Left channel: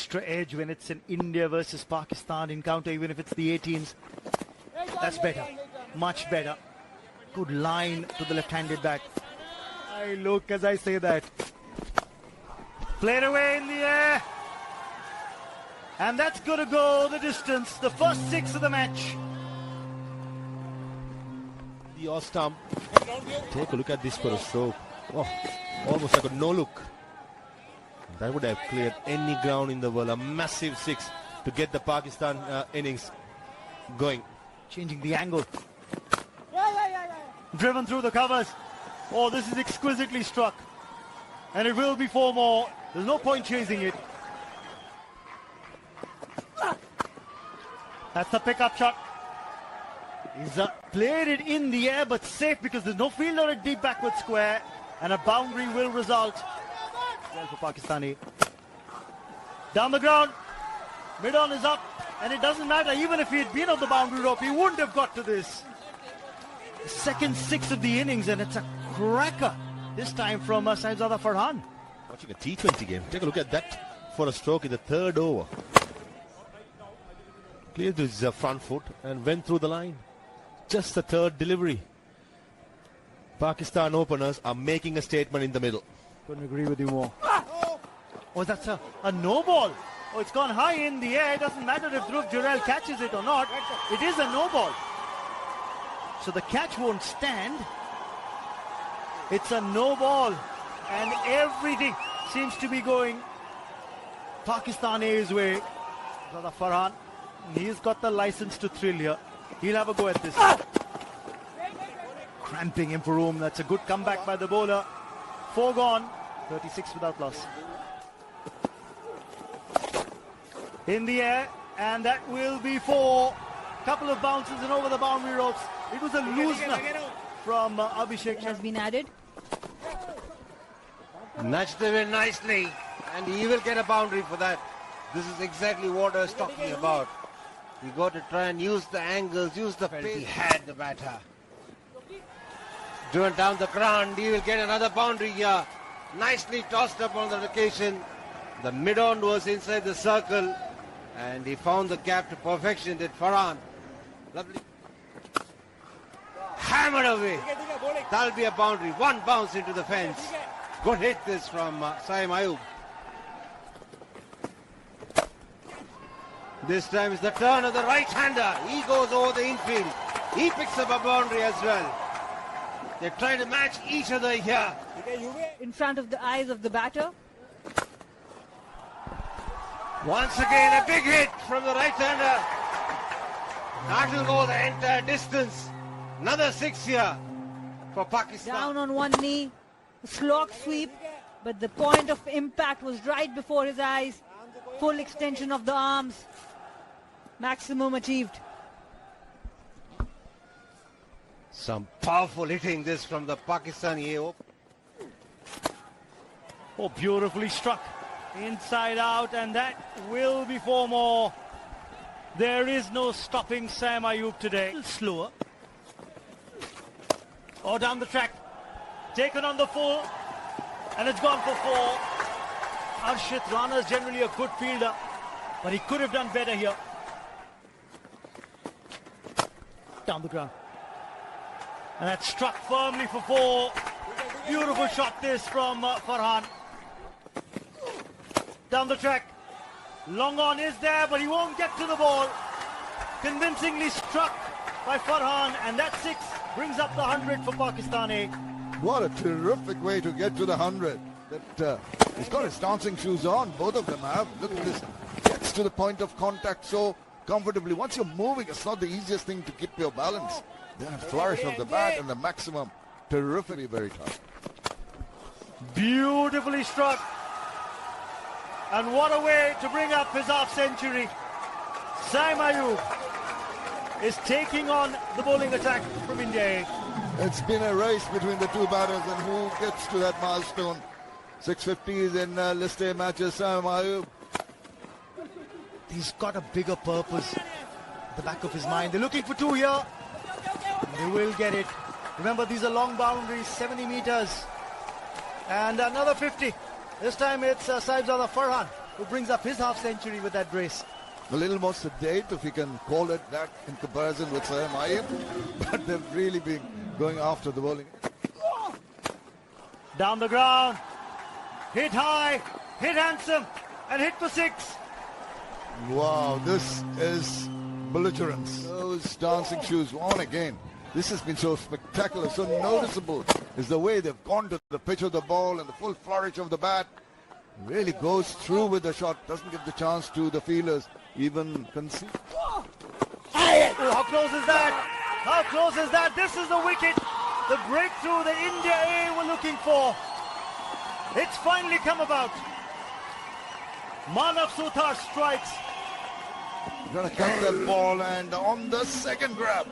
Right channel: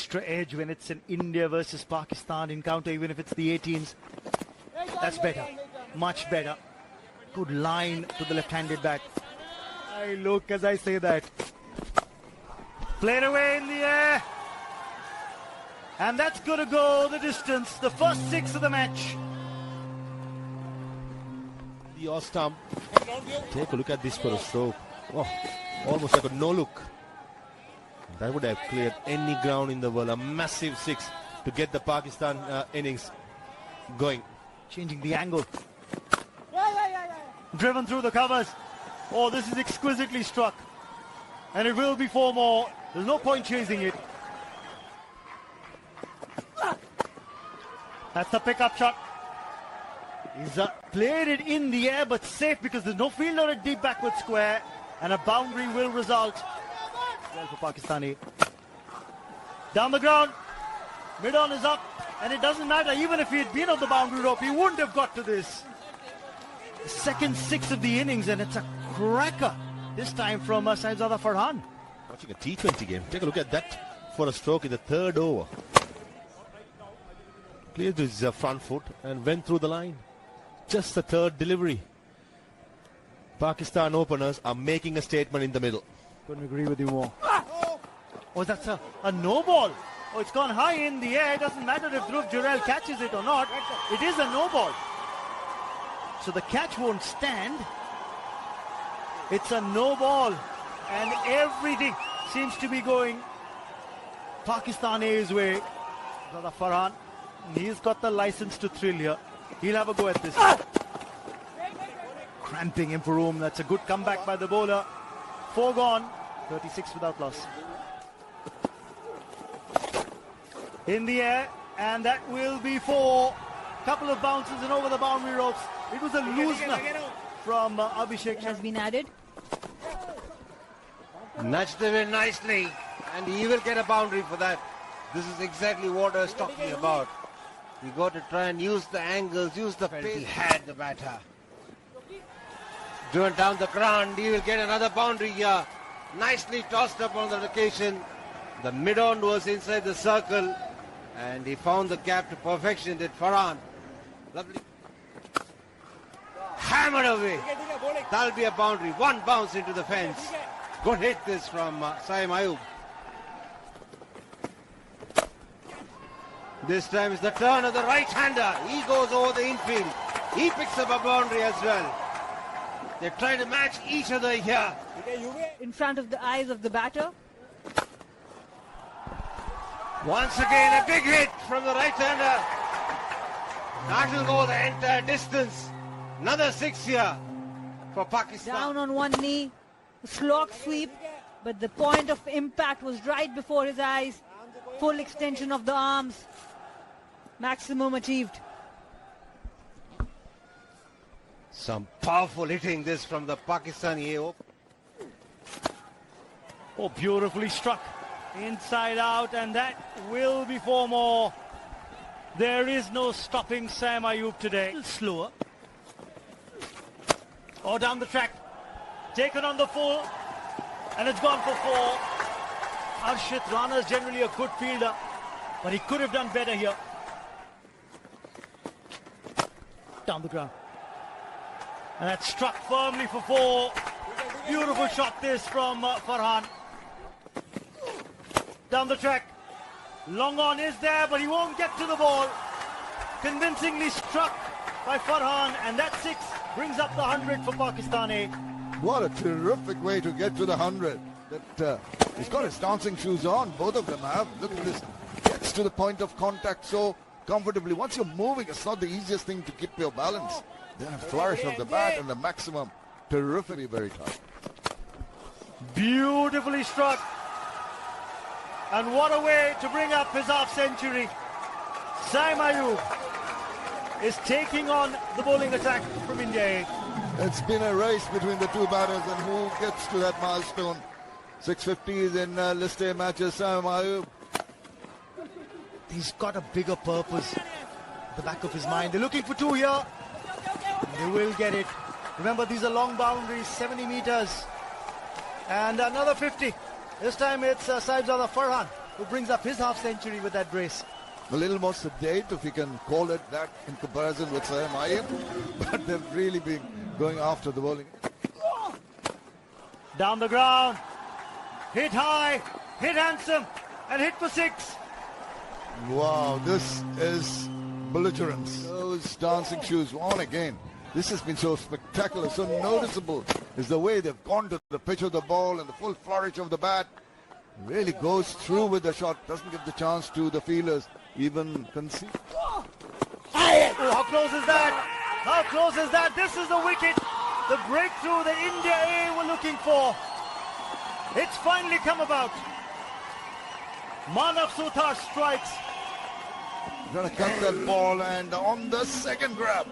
extra edge when it's an India versus Pakistan encounter, even if it's the 18s. That's better, much better. Good line to the left-handed bat. I look as I say that. Played away in the air. And that's going to go the distance. The first 6 of the match. Your stump. Take a look at this for a stroke. Oh, almost like a no-look. That would have cleared any ground in the world. A massive 6 to get the Pakistan innings going. Changing the angle. Driven through the covers. Oh, this is exquisitely struck. And it will be 4 more. There's no point chasing it. That's the pickup shot. He's played it in the air, but safe because there's no fielder at deep backward square. And a boundary will result. Well for Pakistani. Down the ground. Mid-on is up. And it doesn't matter, even if he had been on the boundary rope, he wouldn't have got to this. The second 6 of the innings, and it's a cracker. This time from Saibzada Farhan. Watching a T20 game. Take a look at that for a stroke in the 3rd over. Cleared his front foot and went through the line. Just the 3rd delivery. Pakistan openers are making a statement in the middle. Couldn't agree with you more. Oh, that's a no ball. Oh, it's gone high in the air. It doesn't matter if Dhruv Jurel catches it or not. It is a no ball. So the catch won't stand. It's a no ball. And everything seems to be going Pakistan A's way. Brother Farhan, he's got the license to thrill here. He'll have a go at this. Cramping him for room. That's a good comeback by the bowler. 4 gone. 36 without loss. In the air, and that will be 4. Couple of bounces and over the boundary ropes. It was a loosener from Abhishek. Has been added. Nudged him in nicely, and he will get a boundary for that. This is exactly what I was talking about. You got to try and use the angles, use the pace. He had the batter. Driven down the ground, he will get another boundary here. Nicely tossed up on the location. The mid-on was inside the circle, and he found the gap to perfection. Did Farhan. Lovely. Hammered away. That'll be a boundary. 1 bounce into the fence. Good hit this from Saim Ayub. This time is the turn of the right-hander. He goes over the infield. He picks up a boundary as well. They're trying to match each other here. In front of the eyes of the batter. Once again, a big hit from the right-hander. That will go the entire distance. Another 6 here for Pakistan. Down on one knee. Slog sweep. But the point of impact was right before his eyes. Full extension of the arms. Maximum achieved. Some powerful hitting this from the Pakistani AO. Oh, beautifully struck. Inside out, and that will be 4 more. There is no stopping Sam Ayub today. Slower. Oh, down the track. Taken on the full. And it's gone for 4. Arshit Rana is generally a good fielder, but he could have done better here. Down the ground. And that's struck firmly for 4. Beautiful shot this from Farhan. Down the track. Long on is there, but he won't get to the ball. Convincingly struck by Farhan, and that 6 brings up the 100 for Pakistani. What a terrific way to get to the 100. He's got his dancing shoes on, both of them have. Look at this. Gets to the point of contact so comfortably. Once you're moving, it's not the easiest thing to keep your balance. Then a flourish of the bat and the maximum. Terrifically very tough. Beautifully struck. And what a way to bring up his half-century. Saim Ayub is taking on the bowling attack from India. It's been a race between the 2 batters, and who gets to that milestone. 650s in List A matches. Saim Ayub. He's got a bigger purpose at the back of his mind. They're looking for 2 here. They will get it. Remember, these are long boundaries, 70 meters. And another 50. This time it's Saibzada Farhan. who brings up his half-century with that brace. A little more sedate, if you can call it that, in comparison with Sam Iyer. But they've really been going after the bowling. Down the ground. Hit high, hit handsome, and hit for 6. Wow, this is belligerence. Those dancing shoes on again. This has been so spectacular, so noticeable is the way they've gone to the pitch of the ball and the full flourish of the bat. Really goes through with the shot, doesn't give the chance to the fielders even concede. Oh, how close is that? How close is that? This is the wicket. The breakthrough the India A were looking for. It's finally come about. Manav Suthar strikes. Gonna cut that ball, and on the second grab,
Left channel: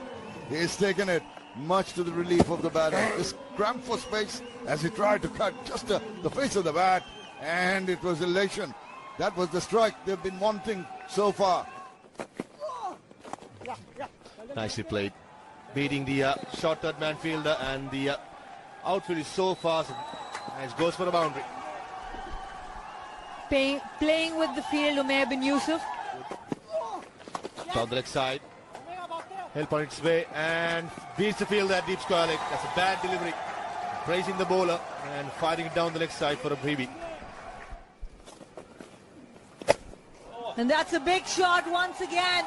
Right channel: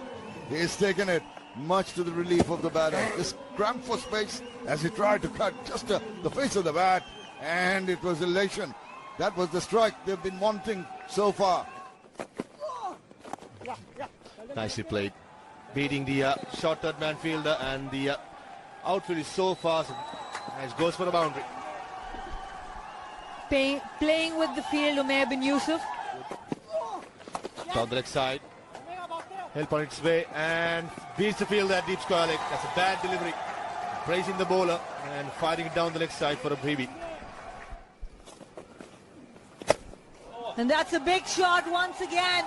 he's taken it, much to the relief of the batter. This cramped for space as he tried to cut just the face of the bat, and it was elation. That was the strike they've been wanting so far. Nicely played. Beating the short-third man fielder, and the outfield is so fast as goes for a boundary. Playing with the field, Umair bin Yusuf. Down the leg side. Help on its way and beats the fielder at deep square leg. That's a bad delivery. Praising the bowler and firing it down the leg side for a freebie. And that's a big shot once again.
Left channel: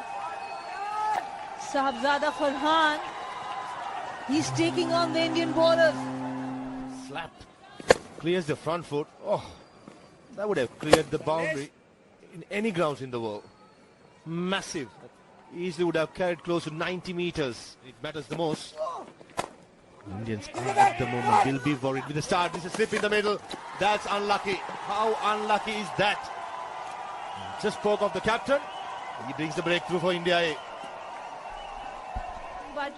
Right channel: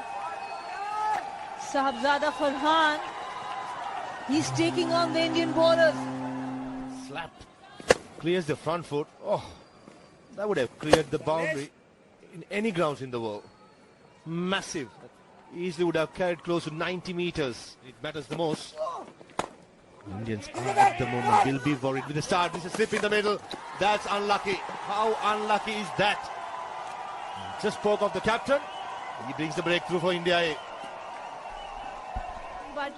Sahibzada Farhan. He's taking on the Indian bowlers. Slapped. Clears the front foot. Oh, that would have cleared the boundary in any grounds in the world. Massive. Easily would have carried close to 90 meters. It matters the most. Indians are at the moment will be worried with the start. This is slip in the middle. That's unlucky. How unlucky is that? Just spoke of the captain. He brings the breakthrough for India A. But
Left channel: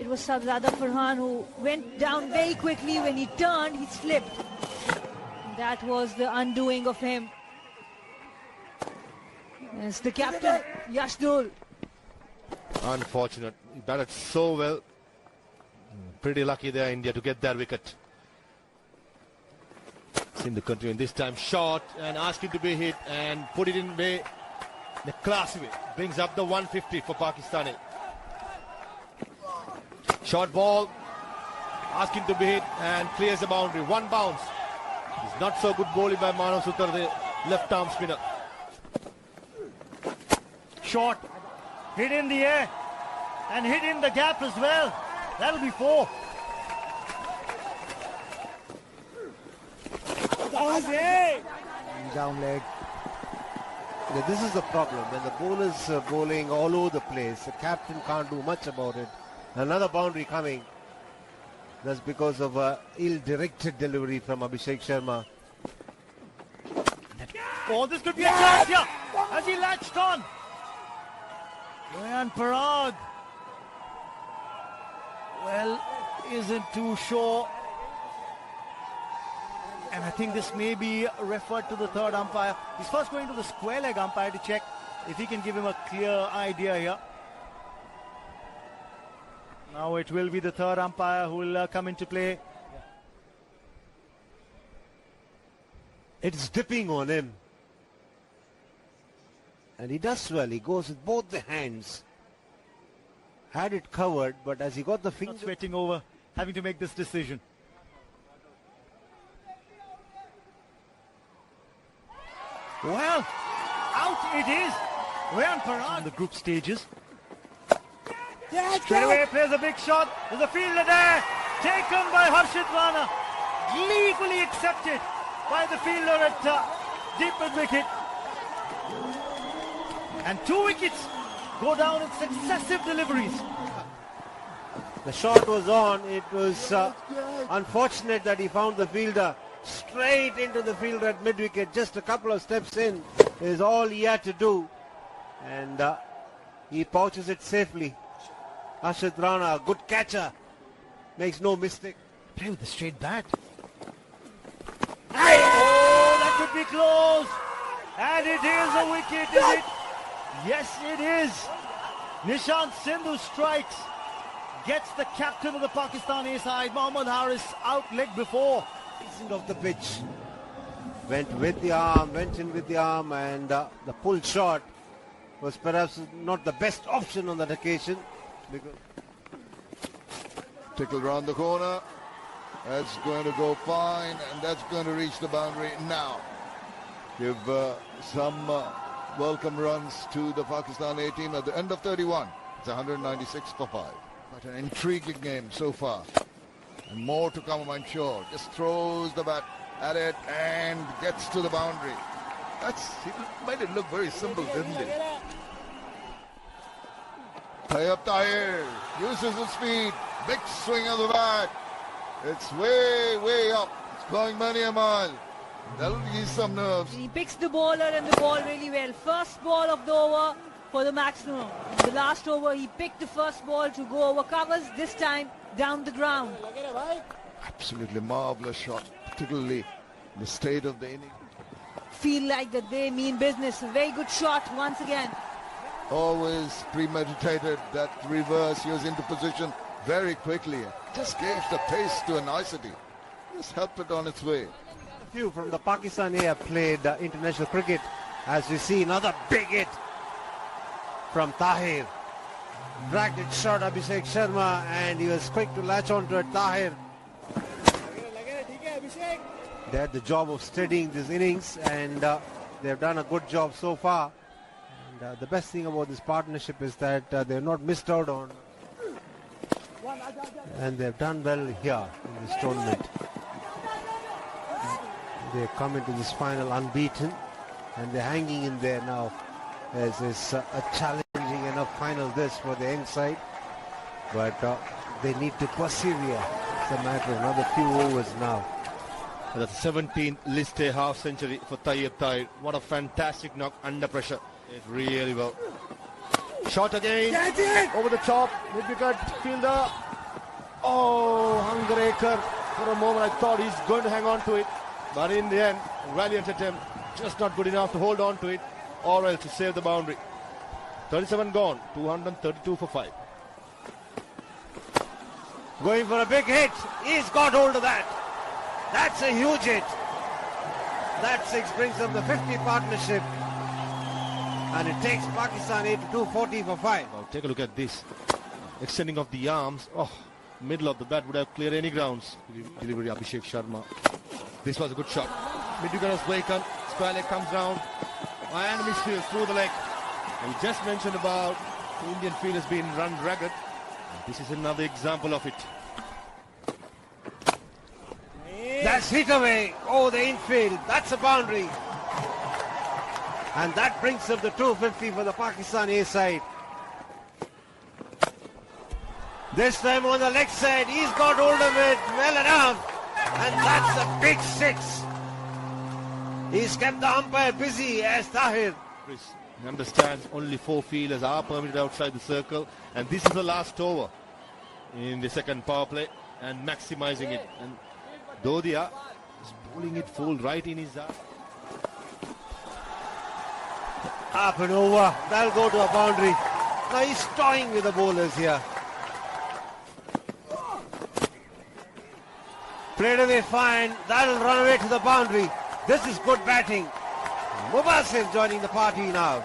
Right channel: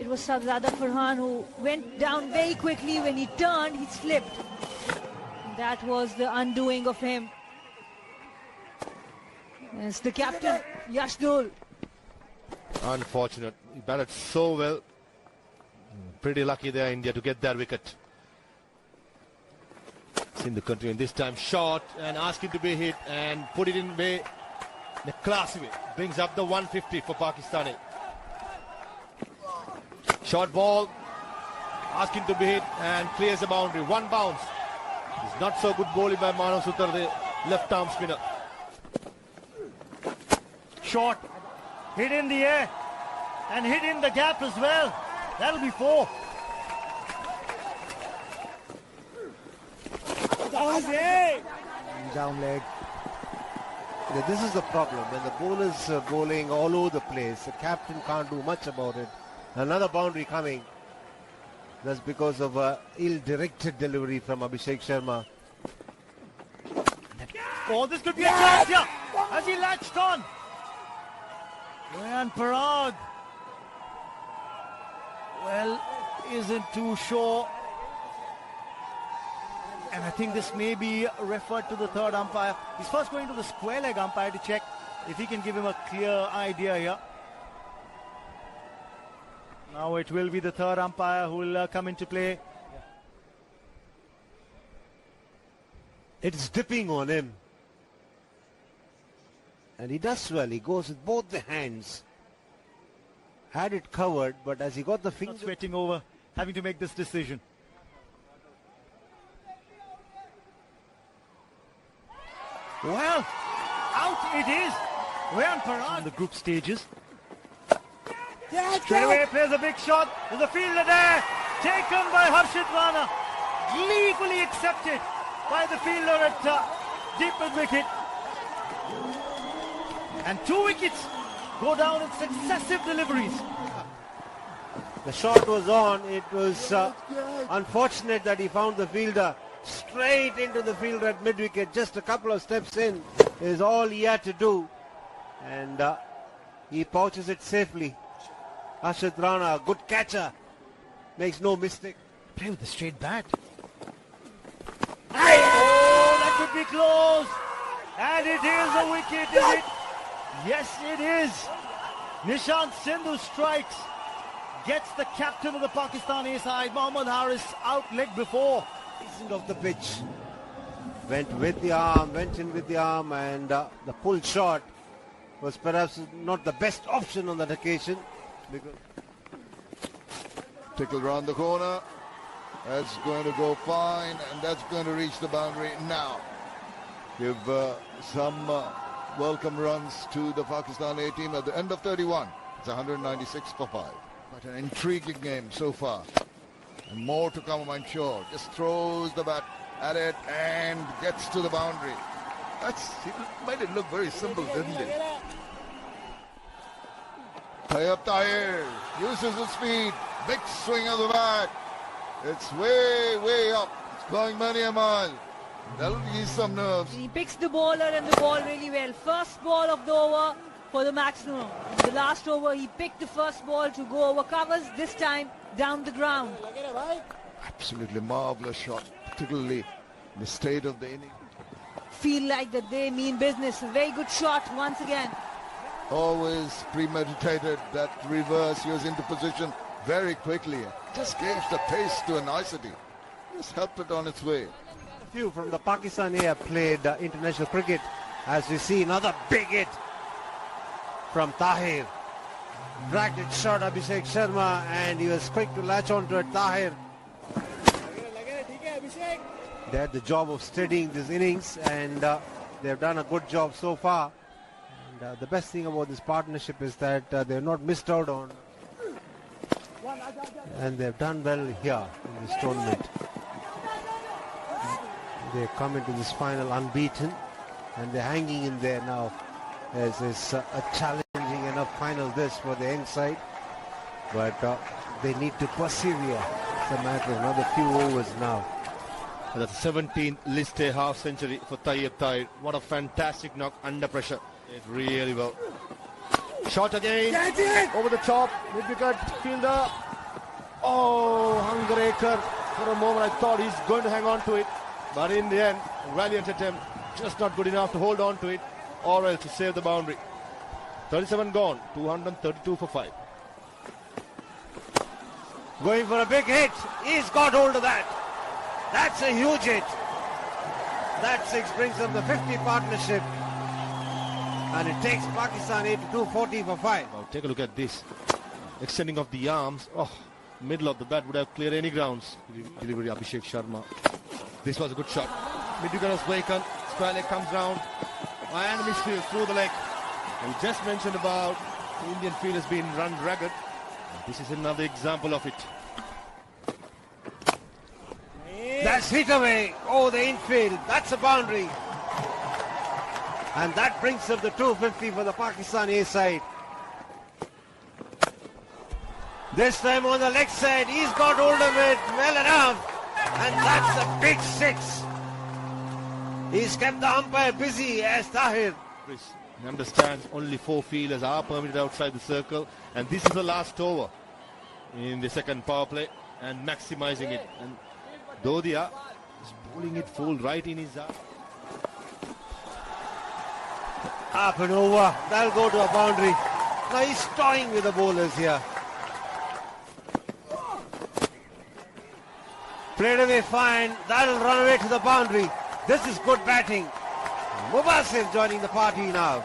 it was Sahibzada Farhan who went down very quickly. When he turned, he slipped. That was the undoing of him. It's the captain, Yashdul. Unfortunate. He batted so well. Pretty lucky there, India, to get that wicket. Seem to continue this time. Shot and ask him to be hit and put it in way. In a classy way. Brings up the 150 for Pakistani. Short ball. Ask him to be hit and clears the boundary. One bounce. It's not so good bowling by Manav Suthar, the left arm spinner. Shot. Hit in the air. And hit in the gap as well. That'll be 4. Down leg. This is the problem. When the bowlers are bowling all over the place, the captain can't do much about it. Another boundary coming. That's because of ill-directed delivery from Abhishek Sharma. Oh, this could be a chance here. Has he latched on? And Parag, well, isn't too sure. And I think this may be referred to the third umpire. He's first going to the square leg umpire to check if he can give him a clear idea here. Now it will be the third umpire who will come into play. It's dipping on him. And he does well. He goes with both the hands. Had it covered, but as he got the finger... Not sweating over having to make this decision. Well, out it is. Rayan Parag in the group stages. Straight away plays a big shot. There's a fielder there. Taken by Harshit Rana. Gleefully accepted by the fielder at deep mid-wicket. And 2 wickets go down in successive deliveries. The shot was on. It was unfortunate that he found the fielder straight into the fielder at mid-wicket. Just a couple of steps in is all he had to do. And he pouches it safely. Harshit Rana, a good catcher. Makes no mistake. Play with the straight bat. Oh, that could be close. And it is a wicket, is it? Yes, it is. Nishant Sindhu strikes. Gets the captain of the Pakistani side, Mohammad Haris, out leg before. Of the pitch. went with the arm, went in with the arm, and the pull shot was perhaps not the best option on that occasion. Tickle round the corner. That's going to go fine, and that's going to reach the boundary now. Give some welcome runs to the Pakistan A team at the end of 31. It's 196 for 5. But an intriguing game so far. And more to come, I'm sure. Just throws the bat at it and gets to the boundary. He made it look very simple, didn't he? Tayyab Tahir uses his speed. Big swing of the bat. It's way, way up. It's going many a mile. That'll ease some nerves. He picks the bowler and the ball really well. First ball of the over for the maximum. In the last over, he picked the first ball to go over covers, this time down the ground. Absolutely marvelous shot, particularly the state of the inning. Feel like that they mean business. A very good shot once again. Always premeditated that reverse. He was into position very quickly. Just gave the pace to a nicety. Just helped it on its way. Few from the Pakistan A have played international cricket, as we see another big hit from Tahir. Dragged it short Abhishek Sharma, and he was quick to latch onto it. Tahir. They had the job of steadying these innings, and they've done a good job so far. And the best thing about this partnership is that they've not missed out on, and they've done well here in this tournament. They come into this final unbeaten, and they're hanging in there now as it's a challenging enough final this for the end side. But they need to persevere. It's a matter of another few overs now. And that's 17th list A half century for Tayyab Tahir. What a fantastic knock under pressure. It really well. Shot again. Over the top with the gut fielder. Oh, Hungraker. For a moment I thought he's going to hang on to it. But in the end, valiant attempt. Just not good enough to hold on to it, or else to save the boundary. 37 gone. 232 for 5. Going for a big hit. He's got hold of that. That's a huge hit. That 6 brings up the 50 partnership. And it takes Pakistan A to 240 for 5. Now take a look at this. Extending of the arms. Oh, middle of the bat would have cleared any grounds. Delivery Abhishek Sharma. This was a good shot. Midfielder was vacant. Square leg comes round. And misfield through the leg. And we just mentioned about the Indian field has been run ragged. And this is another example of it. That's hit away. Oh, the infield. That's a boundary. And that brings up the 250 for the Pakistan A side. This time on the leg side, he's got hold of it well enough. And that's a big 6. He's kept the umpire busy as Tahir. He understands only 4 fielders are permitted outside the circle. And this is the last over in the second power play. And maximizing it. And Dodia is bowling it full right in his eye. Up and over. That'll go to a boundary. Now he's toying with the bowlers here. Played away fine. That'll run away to the boundary. This is good batting. Mubasir joining the party now.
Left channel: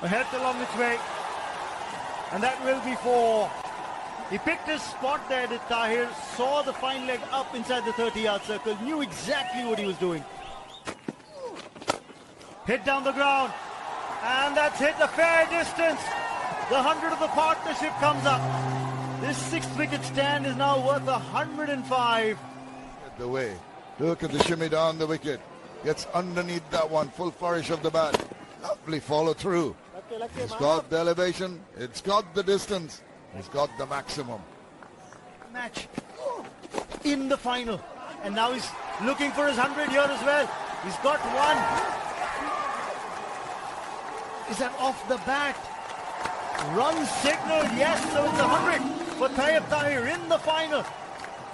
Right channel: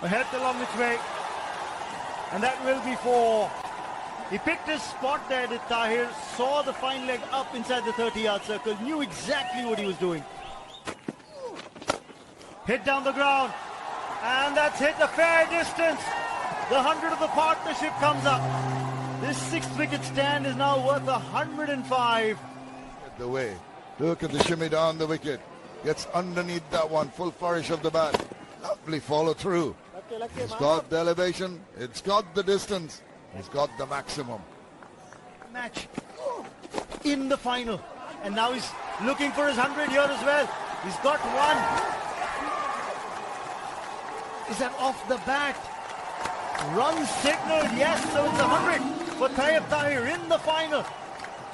Ahead along its way. And that will be 4. He picked his spot there, did Tahir. Saw the fine leg up inside the 30-yard circle. Knew exactly what he was doing. Hit down the ground. And that's hit a fair distance. The 100 of the partnership comes up. This 6th wicket stand is now worth 105. The way. Look at the shimmy down the wicket. Gets underneath that one. Full flourish of the bat. Lovely follow through. It's got the elevation. It's got the distance. It's got the maximum. Match in the final. And now he's looking for his 100 here as well. He's got one. Is that off the bat? Run signal, yes, so it's 100 for Tayyab Tahir in the final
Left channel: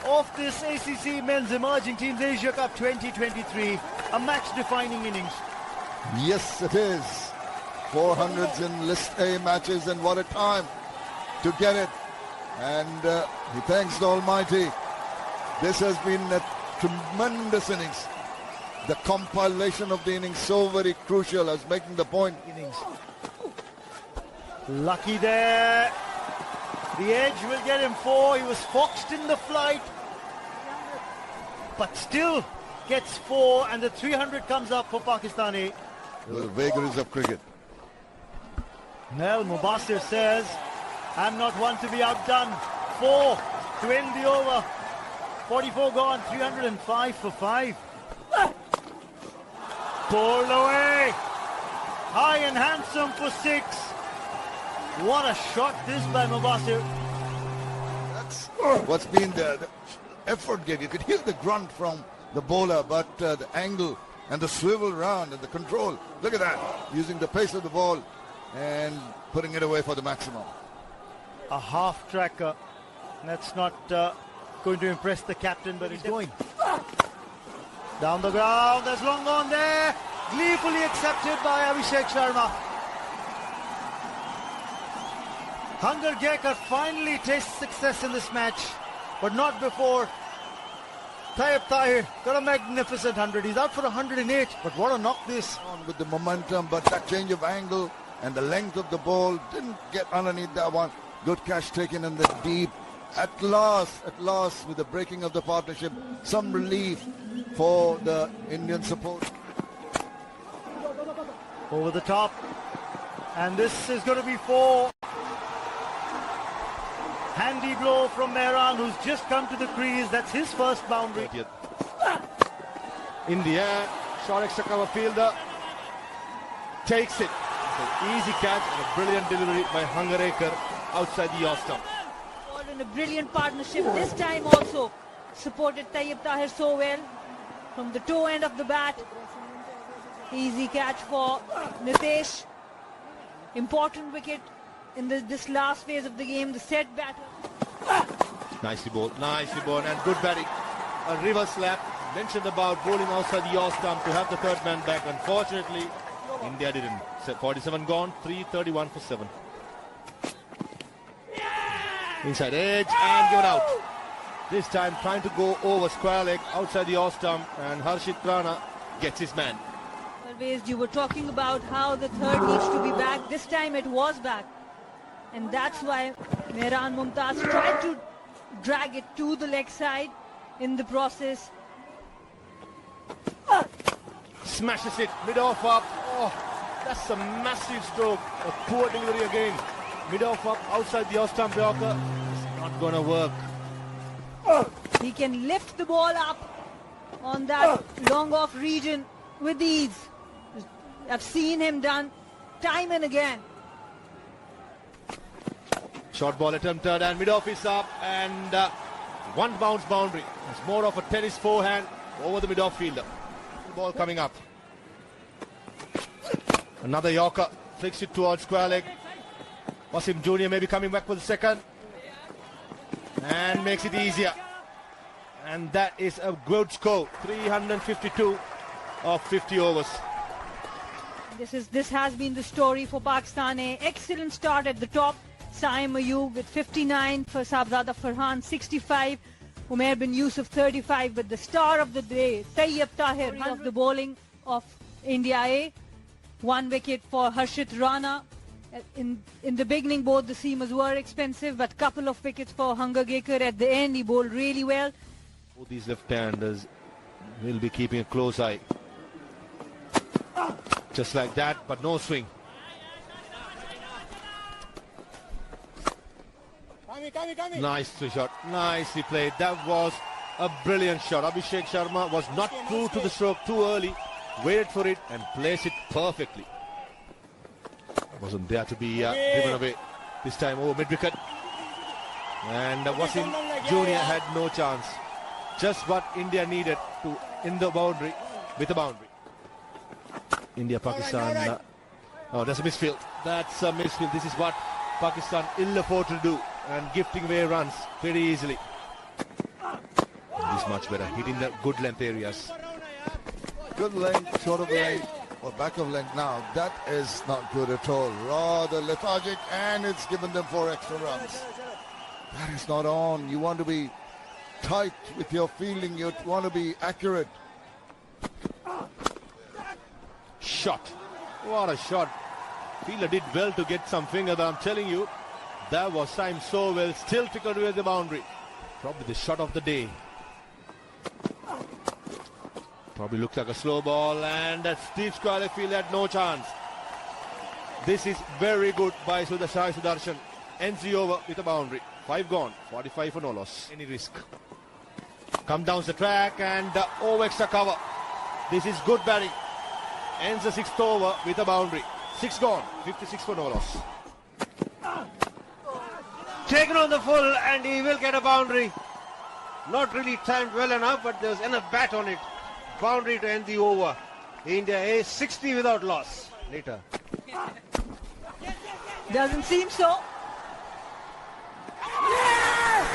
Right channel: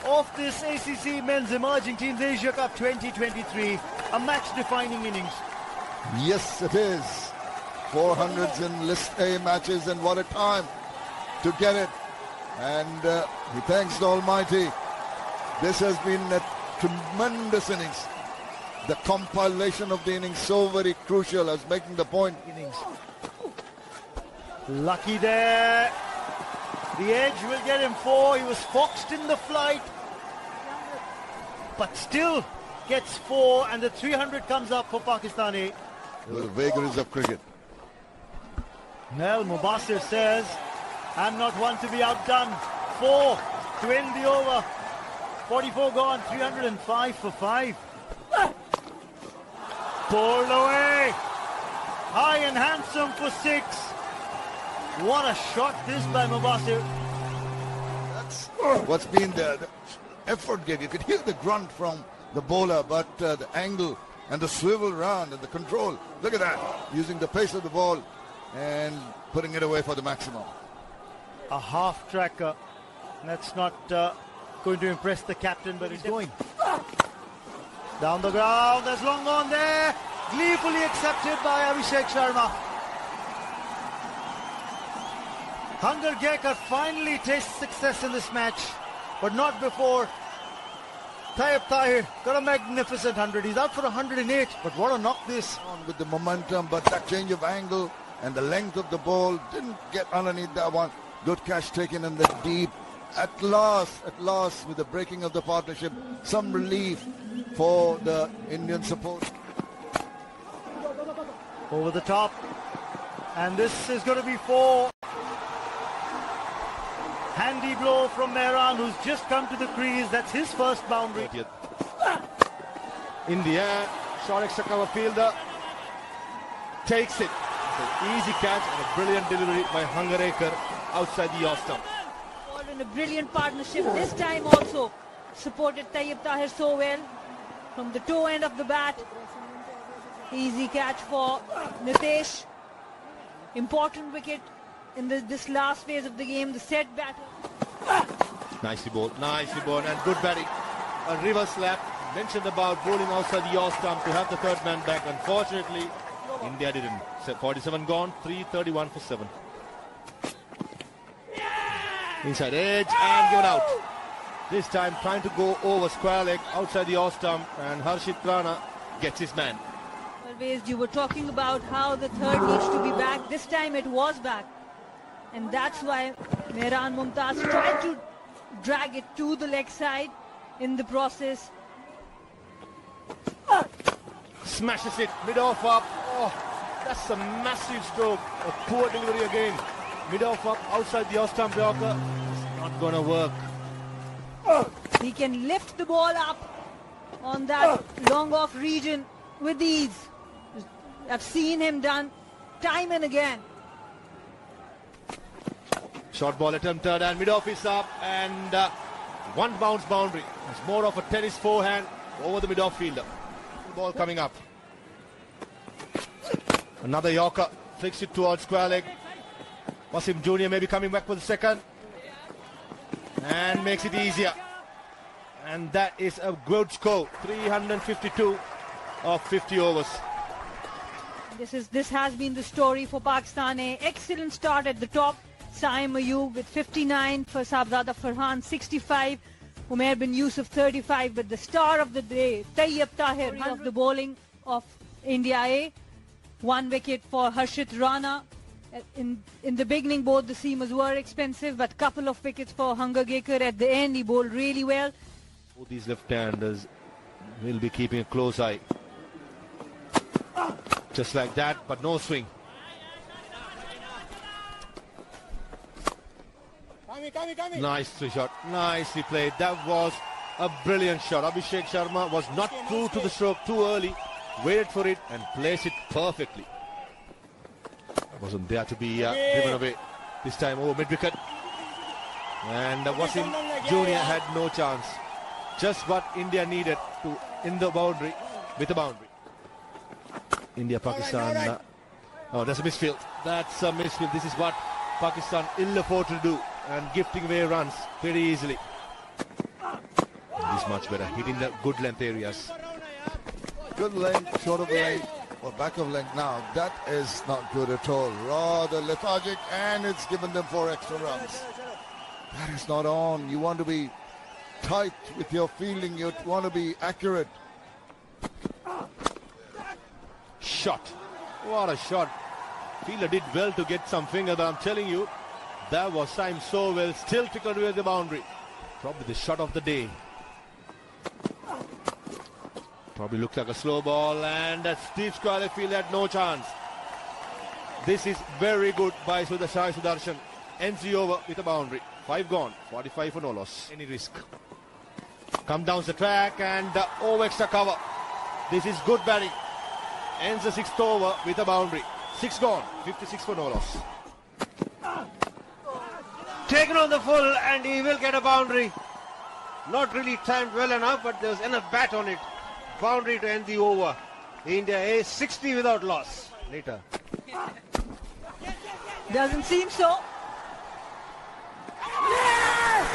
of this ACC Men's Emerging Teams Asia Cup 2023. A match-defining innings. Yes, it is. 400s in List A matches, and what a time to get it. And he thanks the Almighty This has been a tremendous innings. The compilation of the innings so very crucial as making the point. Lucky there. The edge will get him 4. He was foxed in the flight, but still gets 4, and the 300 comes up for Pakistani. The vagaries of cricket. Well, Mubasir says, I'm not one to be outdone. 4 to end the over. 44 gone, 305 for 5. Pulled away. High and handsome for 6. What a shot this by Mubasir. That's what's been the effort game. You could hear the grunt from the bowler, but the angle and the swivel round and the control. Look at that. Using the pace of the ball and putting it away for the maximum. A half tracker. That's not going to impress the captain, but it's going. Down the ground, there's long on there. Gleefully accepted by Abhishek Sharma. Hunger Gekar finally tastes success in this match, but not before. Tayyip Tahir got a magnificent 100. He's out for 108, but what a knock this. On with the momentum, but that change of angle and the length of the ball didn't get underneath that one. Good catch taken in the deep. At last, with the breaking of the partnership, some relief for the Indian support. Over the top, and this is going to be 4. Handy blow from Mehran, who's just come to the crease. That's his first boundary. In the air, short extra cover fielder takes it. An easy catch and a brilliant delivery by Hunger Gekar outside the off stump. All in a brilliant partnership. This time also supported Tayyip Tahir so well from the toe end of the bat. Easy catch for Nitesh. Important wicket in this last phase of the game, the set bat. Nicely bowled, and good batting. A reverse slap. Mentioned about bowling outside the off stump to have the third man back. Unfortunately, India didn't. 47 gone, 331 for 7. Inside edge and given out. This time trying to go over square leg outside the off stump, and Harshit Rana gets his man. Always you were talking about how the third needs to be back. This time it was back. And that's why Mehran Mumtaz tried to drag it to the leg side in the process. Smashes it, mid-off up. Oh, that's a massive stroke. A poor delivery again. Mid-off up, outside the off-stump Yorker. It's not going to work. He can lift the ball up on that long-off region with ease. I've seen him done time and again. Short ball attempted and mid-off is up, and one bounce boundary. It's more of a tennis forehand over the mid-off fielder. Ball coming up. Another Yorker, flicks it towards square leg. Wasim Jr. maybe coming back for the second, and makes it easier. And that is a good score, 352 of 50 overs. This has been the story for Pakistan. An excellent start at the top. Saim Ayub with 59, for Sabzada Farhan 65, Umair bin Yusuf 35, but the star of the day, Tayyip Tahir of the bowling of India A. 1 wicket for Harshit Rana. In the beginning, both the seamers were expensive, but couple of wickets for Hunger Gekar. At the end, he bowled really well. Both these left-handers will be keeping a close eye. Just like that, but no swing. Nicely shot, nicely played. That was a brilliant shot. Abhishek Sharma was not true to the stroke too early, waited for it and placed it perfectly. Wasn't there to be driven away. This time over mid-wicket. And Wasim Jr. had no chance. Just what India needed to in the boundary, with the boundary. India, Pakistan. Oh, that's a misfield. That's a misfield. This is what Pakistan ill afford to do. And gifting away runs very easily. This much better. Hitting the good length areas. Good length, short of length, or back of length now. That is not good at all. Rather lethargic, and it's given them 4 extra runs. That is not on. You want to be tight with your fielding. You want to be accurate. Shot. What a shot. Fielder did well to get some finger, but I'm telling you, that was timed so well. Still took away the boundary. Probably the shot of the day. Probably looks like a slow ball, and that Steve Square field had no chance. This is very good by Sai Sudarshan. Ends the over with a boundary. 5 gone, 45 for no loss. Any risk. Come down the track and the over extra cover. This is good batting. Ends the 6th over with a boundary. 6 gone, 56 for no loss. Taken on the full, and he will get a boundary. Not really timed well enough, but there's enough bat on it. Boundary to end the over. India A 60 without loss. Later. Doesn't seem so.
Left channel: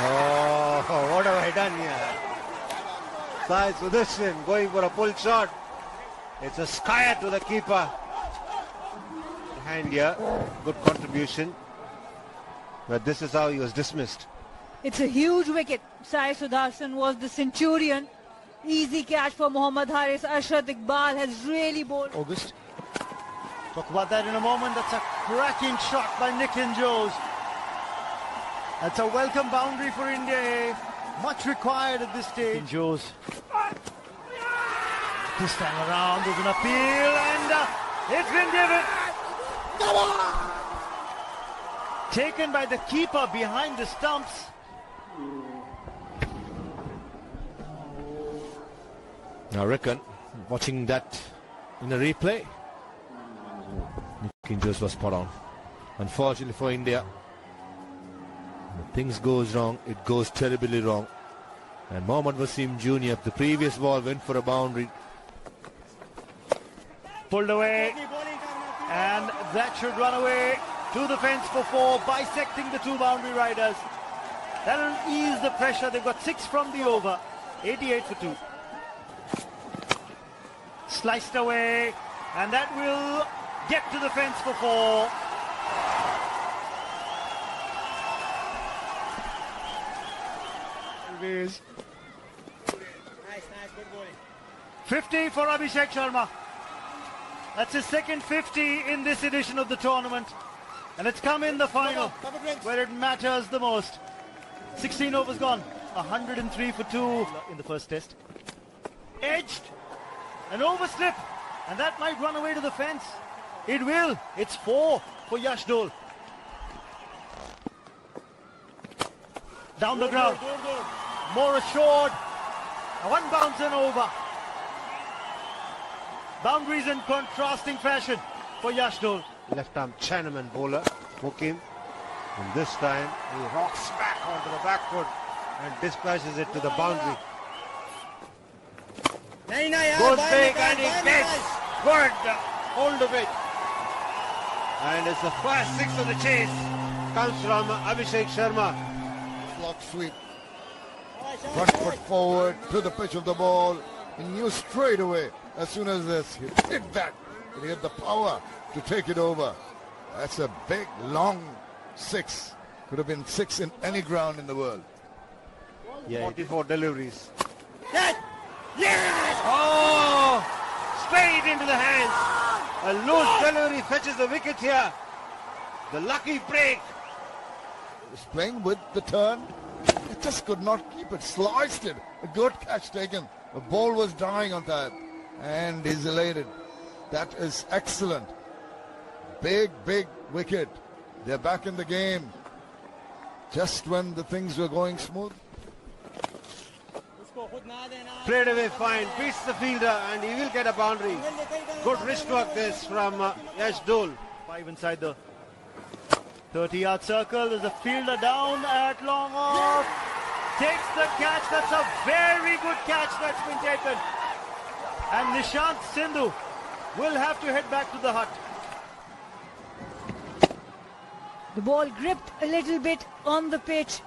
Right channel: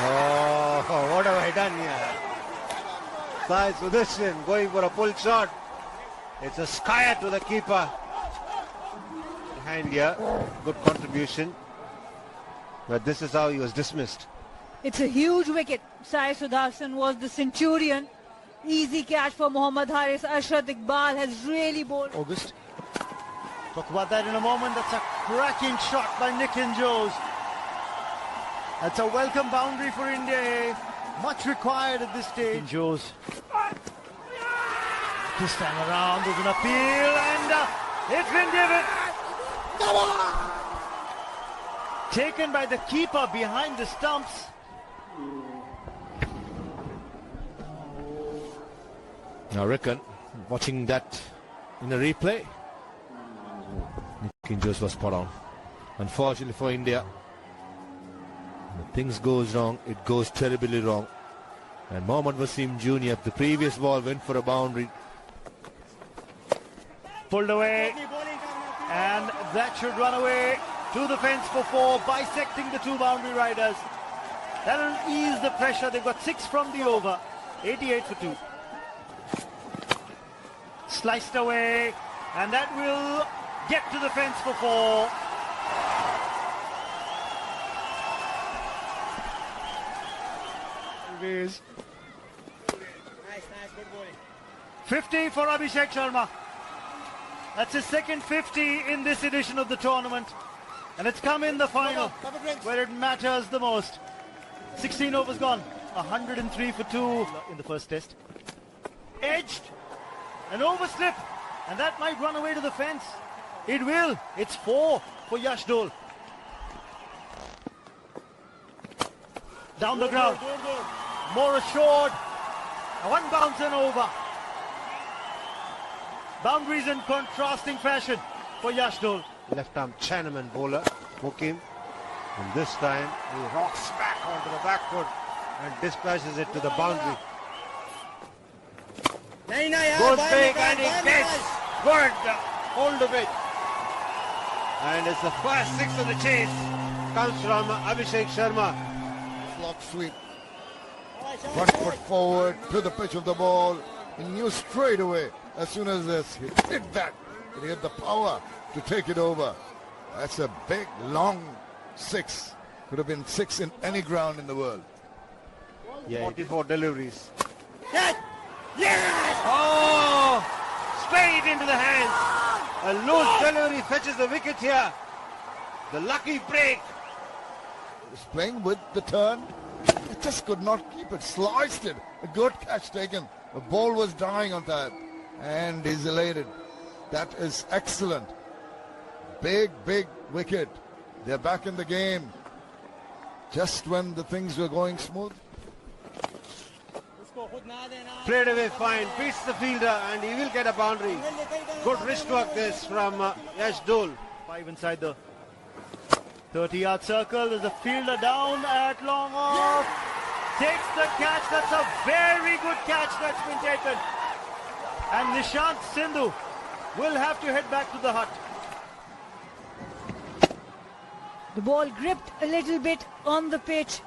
Oh, what have I done here? Sai Sudarshan going for a pull shot. It's a skyer to the keeper. Hand here. Good contribution. But this is how he was dismissed. It's a huge wicket. Sai Sudarshan was the centurion. Easy catch for Mohammad Haris. Ashrat Iqbal has really bowled. August. Talk about that in a moment. That's a cracking shot by Nitin Jose. That's a welcome boundary for India. Much required at this stage. Nitin Jose. This time around there's an appeal, and it's been given. Taken by the keeper behind the stumps. I reckon, watching that in a replay, Nitin Jose was spot on. Unfortunately for India, when things goes wrong, it goes terribly wrong. And Mohammad Wasim Jr., the previous ball went for a boundary. Pulled away, and that should run away to the fence for 4, bisecting the 2 boundary riders. That'll ease the pressure. They've got 6 from the over, 88 for 2. Sliced away, and that will get to the fence for 4. It is 50 for Abhishek Sharma. That's his second 50 in this edition of the tournament. And it's come in the final, where it matters the most. 16 overs gone. 103 for 2 in the first test. Edged. An overslip. And that might run away to the fence. It will. It's 4 for Yash Dole. Down the ground. More assured. 1 bounce and over. Boundaries in contrasting fashion for Yash Dole. Left arm Chinaman bowler. Hook him. And this time he rocks back onto the back foot and dispatches it to the boundary. Good big, and it gets good hold of it. And it's the first 6 of the chase. Comes from Abhishek Sharma. Block sweep. Front foot forward to the pitch of the ball. And knew straight away, as soon as this hit that, he had the power to take it over. That's a big, long 6. Could have been 6 in any ground in the world. Yeah. 44 deliveries. Yes! Yes! Oh! Straight into the hands. A loose delivery fetches the wicket here. The lucky break. He's playing with the turn. He just could not keep it. Sliced it. A good catch taken. The ball was dying on that. And he's elated. That is excellent. Big, big wicket. They're back in the game. Just when the things were going smooth. Played away fine. Beats the fielder, and he will get a boundary. Good wrist work this from Yash Dole. 5 inside the 30-yard circle. There's a fielder down at long off. Takes the catch. That's a very good catch that's been taken. And Nishant Sindhu will have to head back to the hut. The ball gripped a little bit on the pitch.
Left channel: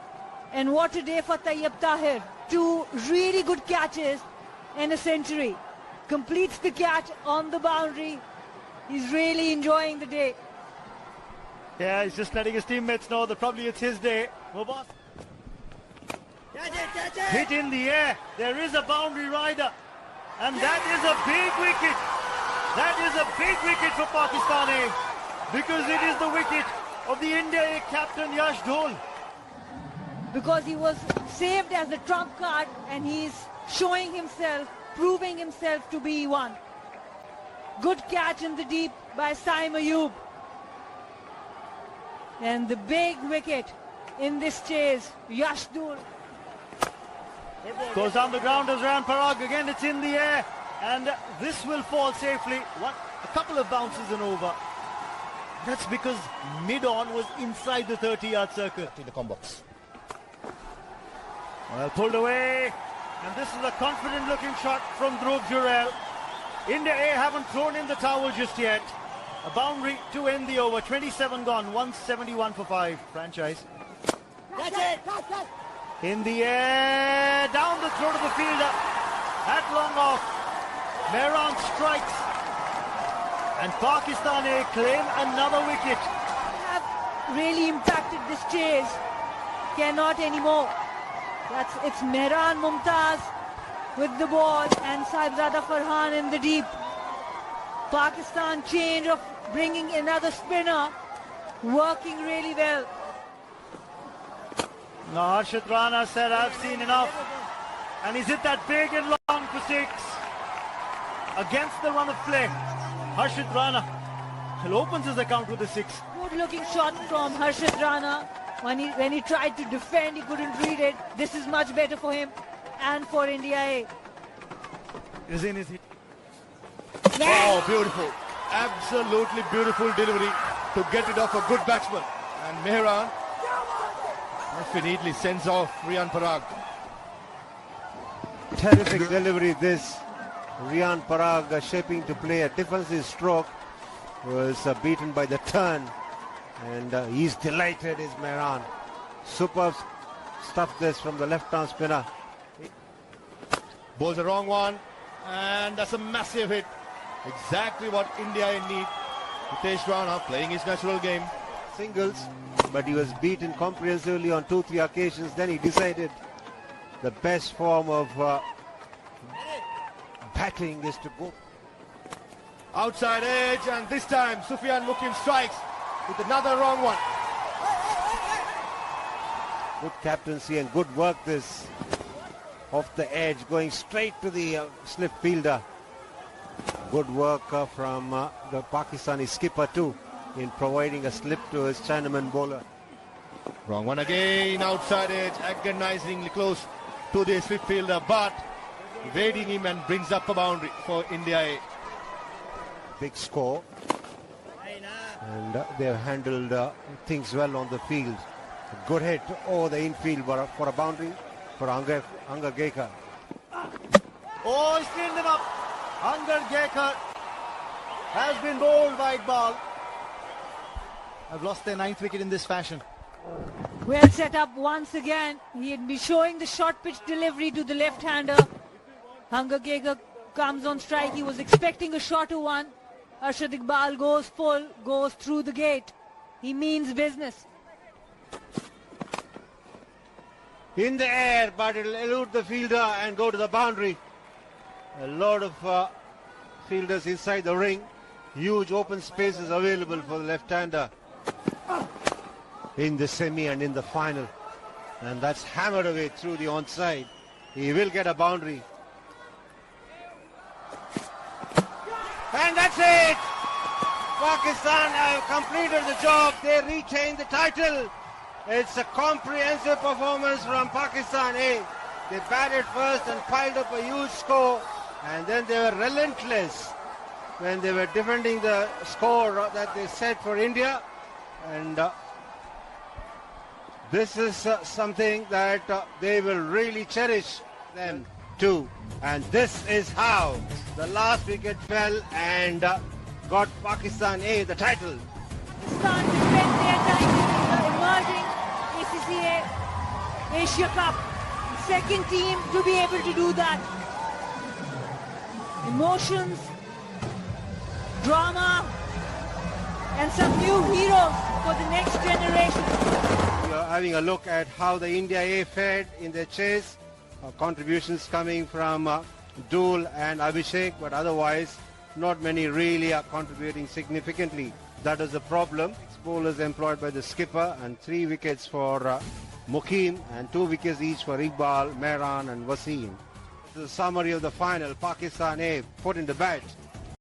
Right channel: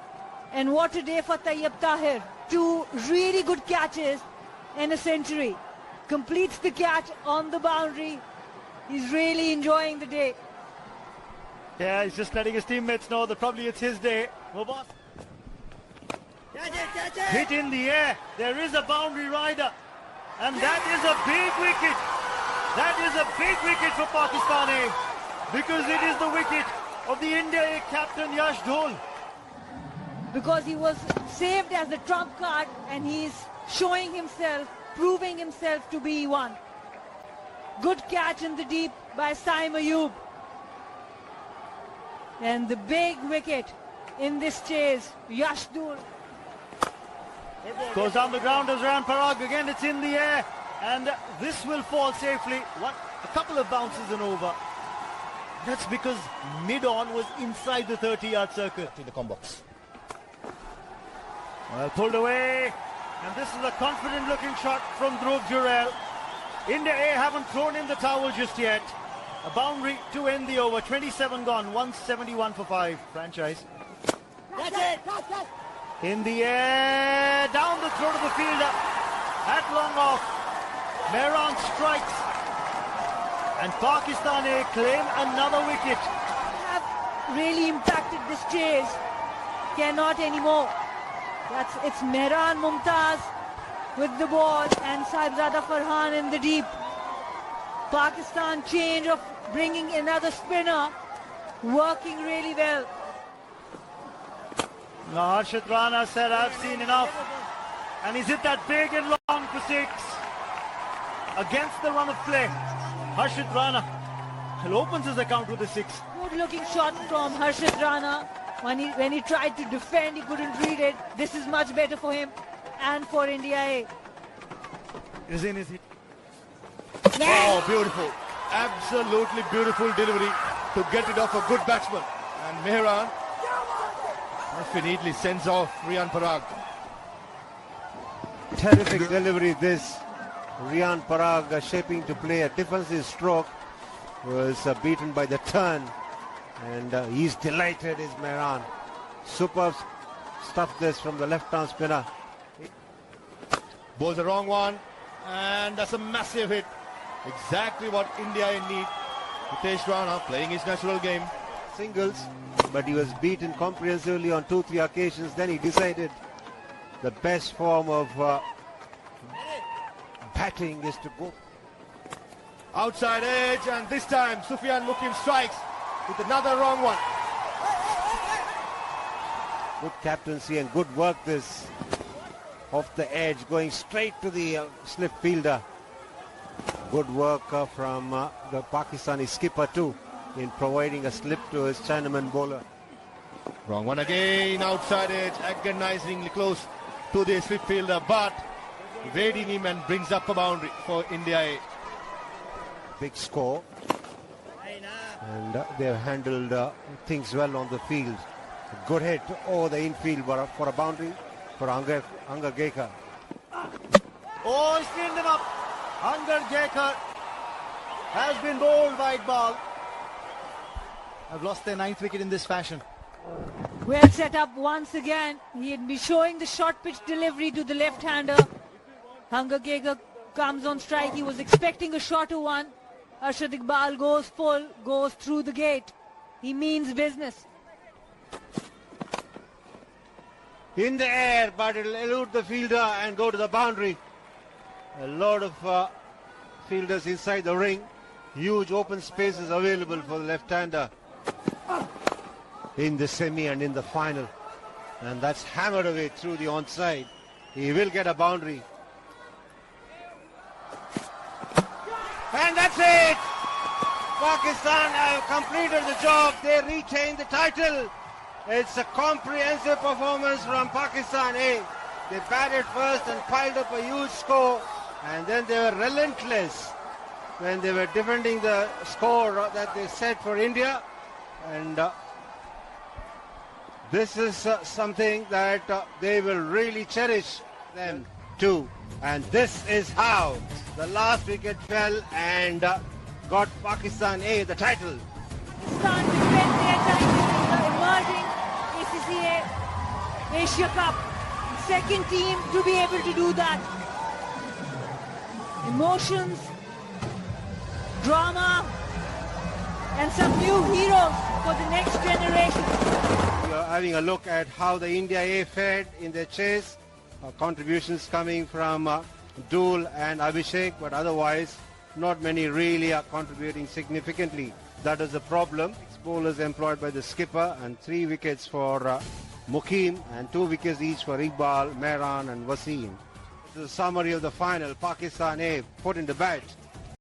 And what a day for Tayyab Tahir. 2 really good catches and a century. Completes the catch on the boundary. He's really enjoying the day. Yeah, he's just letting his teammates know that probably it's his day. Hit in the air. There is a boundary rider. And that is a big wicket. That is a big wicket for Pakistan A. Because it is the wicket of the India A captain Yash Dhol. Because he was saved as a trump card and he's showing himself, proving himself to be one. Good catch in the deep by Saim Ayub. And the big wicket in this chase, Yash Dhol. Goes down the ground as Riyan Parag. Again, it's in the air. And this will fall safely. A couple of bounces and over. That's because mid-on was inside the 30-yard circle. To the combox. Well, pulled away. And this is a confident-looking shot from Dhruv Jurel. India A haven't thrown in the towel just yet. A boundary to end the over. 27 gone. 171 for 5. Franchise. In the air. Down the throat of the fielder. At long off. Mehran strikes. And Pakistan A claim another wicket. Have really impacted this chase. Cannot anymore. It's Mehran Mumtaz with the ball and Saibzada Farhan in the deep. Pakistan change of bringing another spinner, working really well. Now Harshit Rana said, I've seen enough. And he's hit that big and long for 6. Against the run of play. Harshit Rana opens his account with a 6. Good looking shot from Harshit Rana. When he tried to defend, he couldn't read it. This is much better for him and for India A. Is it? Oh, beautiful. Absolutely beautiful delivery to get it off a good batsman. And Mehran neatly sends off Riyan Parag. Terrific delivery this. Riyan Parag shaping to play a defensive stroke. Was beaten by the turn. And he's delighted, is Mehran. Superb stuff this from the left-arm spinner. Bowls the wrong one. And that's a massive hit. Exactly what India need. Hitesh Rana playing his natural game. Singles, but he was beaten comprehensively on 2-3 occasions. Then he decided the best form of batting is to go outside edge, and this time Sufyan Mukim strikes with another wrong one. Good captaincy and good work this off the edge, going straight to the slip fielder. Good work from the Pakistani skipper too, in providing a slip to his Chinaman bowler. Wrong one again, outside edge, agonizingly close to the slip fielder, but evading him and brings up a boundary for India A. Big score, and they've handled things well on the field. A good hit over the infield for a boundary for Anga Gekar. Oh, he's cleaned him up. Anga Gekar has been bowled wide ball. I've lost their 9th wicket in this fashion. Well set up once again. He'd be showing the short pitch delivery to the left-hander. Anga Gekar comes on strike. He was expecting a shorter one. Arshad Iqbal goes full, goes through the gate. He means business. In the air, but it'll elude the fielder and go to the boundary. A lot of fielders inside the ring. Huge open spaces available for the left-hander in the semi and in the final. And that's hammered away through the onside. He will get a boundary. And that's it! Pakistan have completed the job. They retain the title. It's a comprehensive performance from Pakistan A. They batted first and piled up a huge score. And then they were relentless when they were defending the score that they set for India. And this is something that they will really cherish them too. And this is how the last wicket fell and got Pakistan A the title. Pakistan the emerging ICC Asia Cup. Second team to be able to do that. Emotions, drama, and some new heroes for the next generation. We are having a look at how the India A fared in their chase. Contributions coming from Dhul and Abhishek, but otherwise not many really are contributing significantly. That is the problem. Bowlers employed by the skipper, and 3 wickets for Mukim and 2 wickets each for Iqbal, Mehran and Wasim. This is a summary of the final. Pakistan A put in the bat.